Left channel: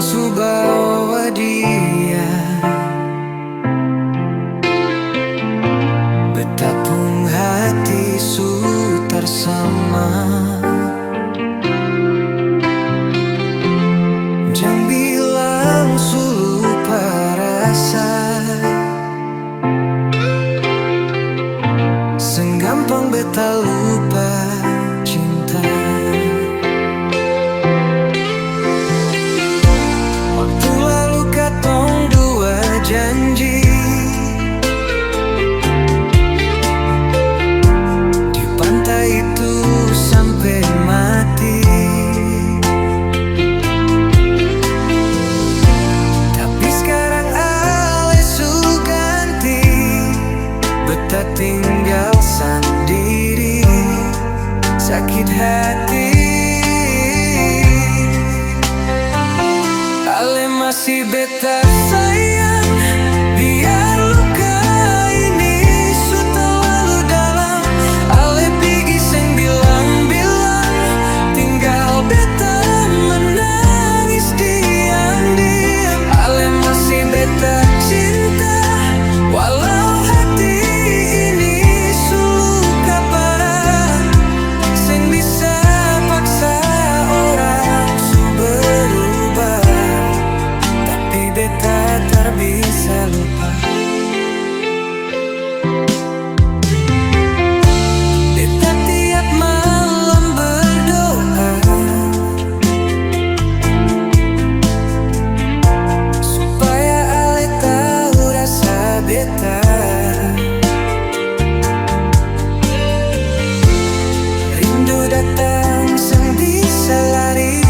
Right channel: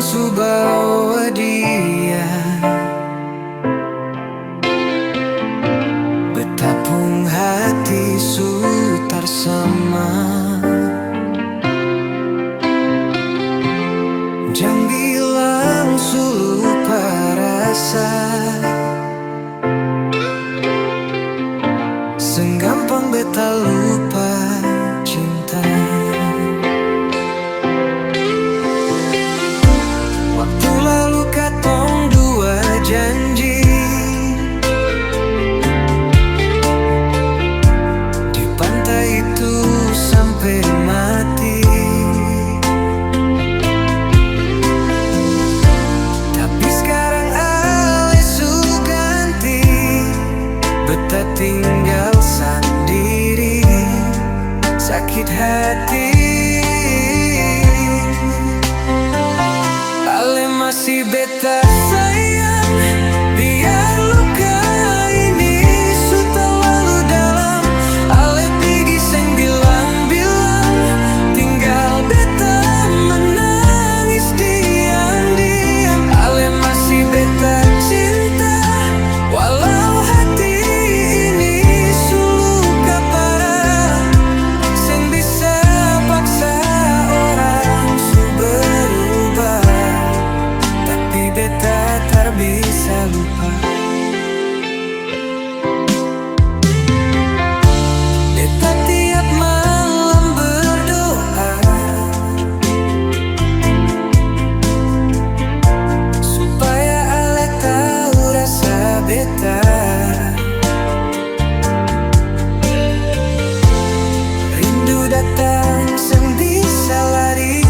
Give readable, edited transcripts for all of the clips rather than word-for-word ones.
su bawa dia, betapung hati su tarsama. Jang bilang su lupa rasa, senggampang beta lupa cinta. Waktu lalu katong dua janji, di pantai itu sampai mati. Tapi sekarang ale su ganti, beta tinggal sendiri, sakit hati. Ale masih beta sayang, biar luka ini su terlalu dalam. Ale pigi seng bilang-bilang, tinggal beta menangis diam-diam. Ale masih beta cinta, walau hati ini su luka parah. Seng bisa paksa orang su berubah, tapi beta tak bisa lupa. Beta tiap malam berdoa supaya ale tahu rasa beta. Rindu datang seng bisa lari,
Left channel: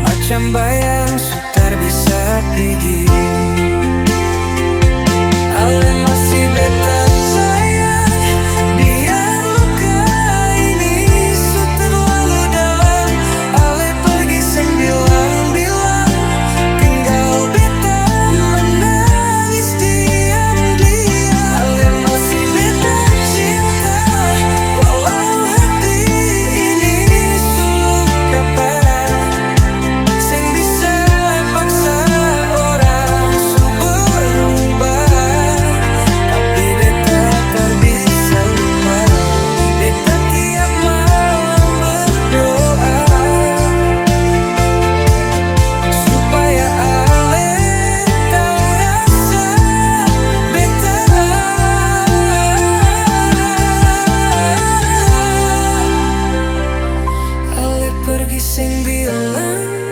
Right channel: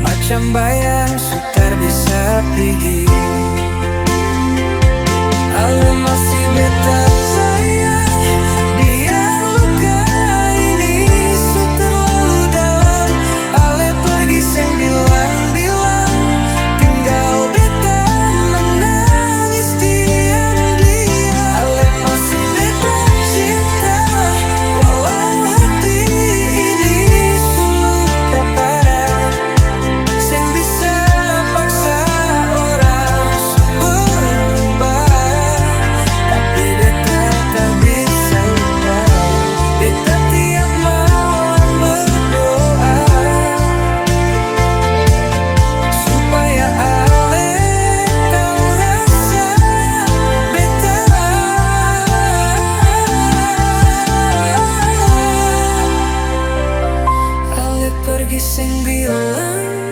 macam bayang sutar bisa pergi. Ale masih beta sayang, biar luka ini su terlalu dalam. Ale pergi seng bilang-bilang, tinggal beta menangis diam-diam. Ale masih beta cinta, walau hati ini su luka parah. Seng bisa paksa orang su berubah, tapi beta tak bisa lupa. Beta tiap malam berdoa supaya ale tahu rasa beta. Ale pergi seng bilang,